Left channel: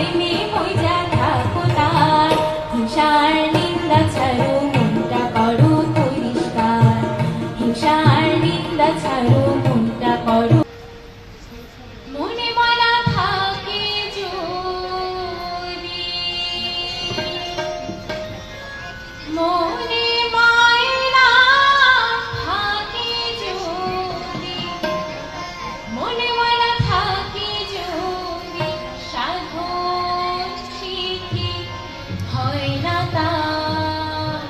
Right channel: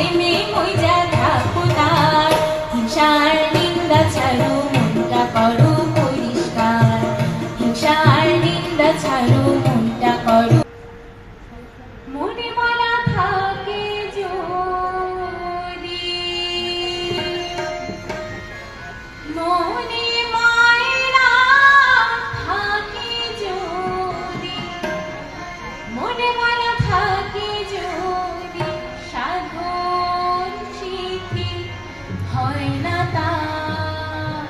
প্রেমে মইজা থাকো তার। হিংসার নিন্দা ছাড়ো মনটা করো পরিষ্কার, হিংসার নিন্দা ছাড়ো মনটা করো। মনে মায়া থাকে যদি, মনে মায়া থাকে যদি, মনে মায়া থাকে যদি, সাধন শিখি হয় না তার।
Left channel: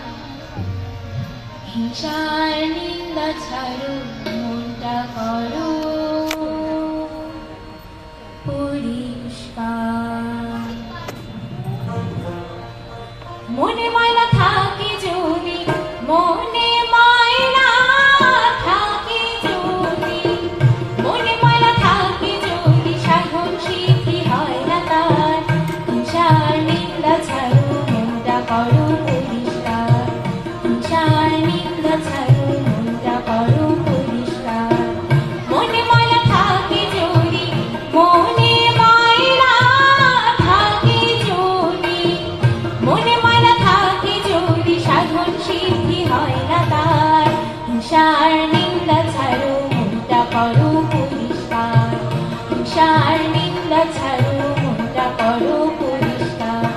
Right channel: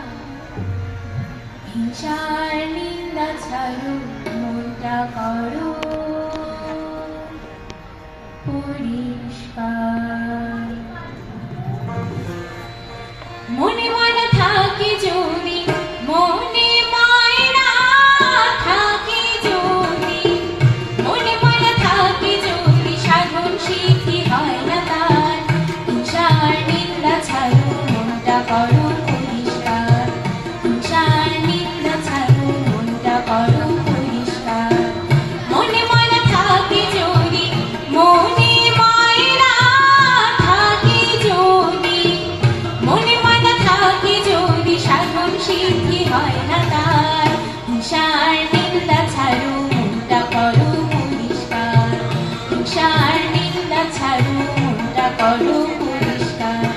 হিংসার নিন্দা ছাড়ো মনটা করো পরিষ্কার। মনে মায়া থাকে যদি, মনে মায়া থাকে যদি, মনে মায়া থাকে যদি, সাধন সিদ্ধি হয় না তার। হিংসার নিন্দা ছাড়ো মনটা করো পরিষ্কার, হিংসার নিন্দা ছাড়ো মনটা করো পরিষ্কার। মনে মায়া থাকে যদি, মনে মায়া থাকে যদি, মনে মায়া থাকে যদি, সাধন সিদ্ধি হয় না তার। হিংসার নিন্দা ছাড়ো মনটা করো পরিষ্কার, হিংসার নিন্দা ছাড়ো মনটা করো পরিষ্কার।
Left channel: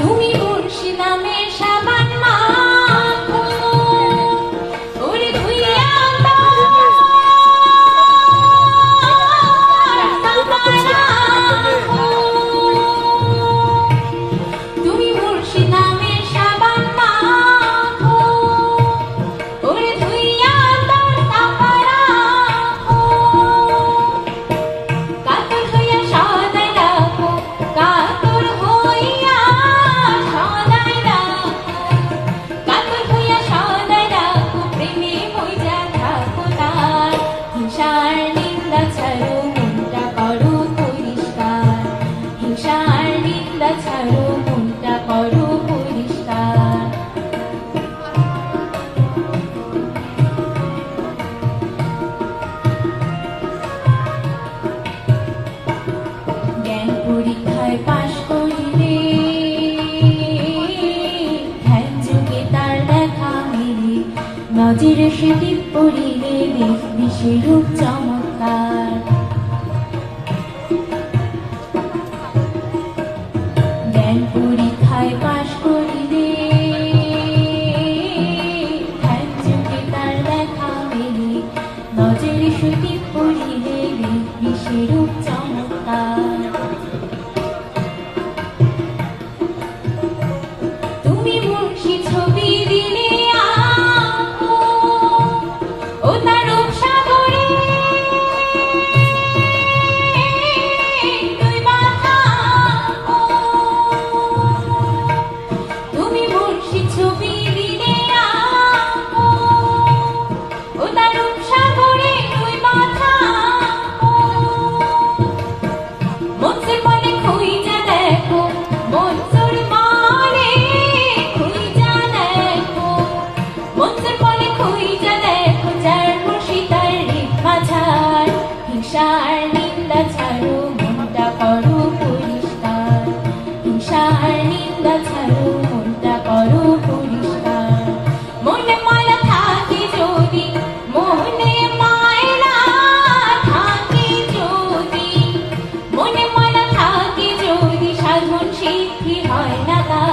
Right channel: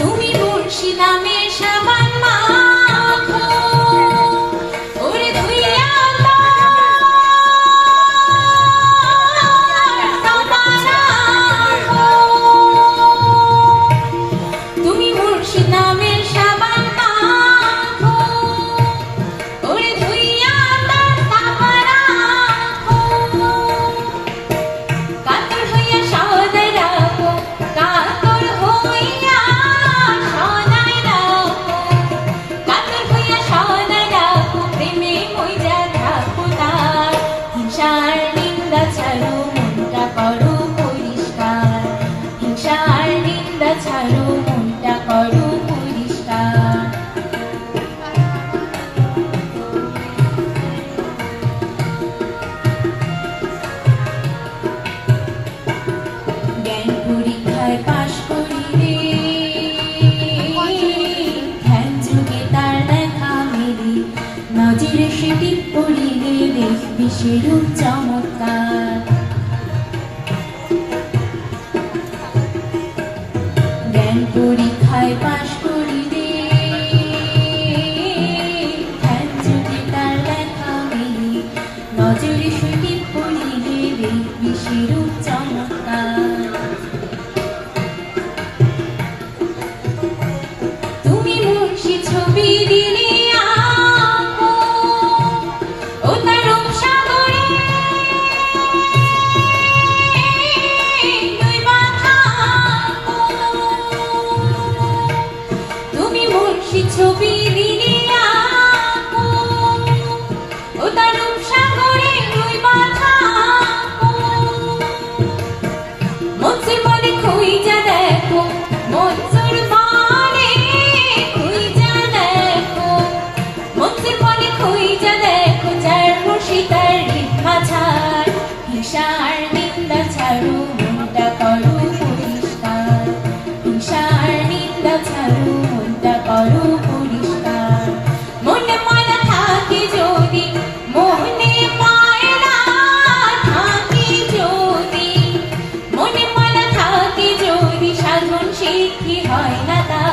তুমি মুর্শি নামের সাবান মাখো, ওরে ধুইয়ে আনবা রাখো। তুমি মুর্শি নামের সাবান মাখো, ওরে ধুইয়ে আনবা রাখো। কাতর হইয়া সদাই রাখো, কাতর হইয়া সদাই রাখো, কাতর হইয়া সদাই রাখো, প্রেমে মইজা থাকো তার। হিংসার নিন্দা ছাড়ো মনটা করো পরিষ্কার, হিংসার নিন্দা ছাড়ো মনটা করো পরিষ্কার। জ্ঞান পরীক্ষায় পাশ করিলে, ধ্যান যুগে তার দেখা মেলে, নজরে সেটি পড়িলে দেখবি সেরূপ চমৎকার। জ্ঞান পরীক্ষায় পাশ করিলে, ধ্যান যুগে তার দেখা মেলে, নজরে সেটি পড়িলে দেখবি সেরূপ চমৎকার। তুমি মুর্শি ছবি দিলে আঁকো, ও তার রূপ সাগরে দুই মাথা আঁকো। তুমি মুর্শি ছবি দিলে আঁকো, ও তার রূপ সাগরে দুই মাথা আঁকো। মনসুর মনে খুঁইজা দেখো, মনসুর মনে খুঁইজা দেখো, মনসুর মনে খুঁইজা দেখো, যার মুর্শিদার রিক্মা ছাড়। হিংসার নিন্দা ছাড়ো মনটা করো পরিষ্কার, হিংসার নিন্দা ছাড়ো মনটা করো পরিষ্কার। মনে মায়া থাকে যদি, মনে মায়া থাকে যদি, মনে মায়া থাকে যদি, সাধন সিদ্ধি হয় না তার।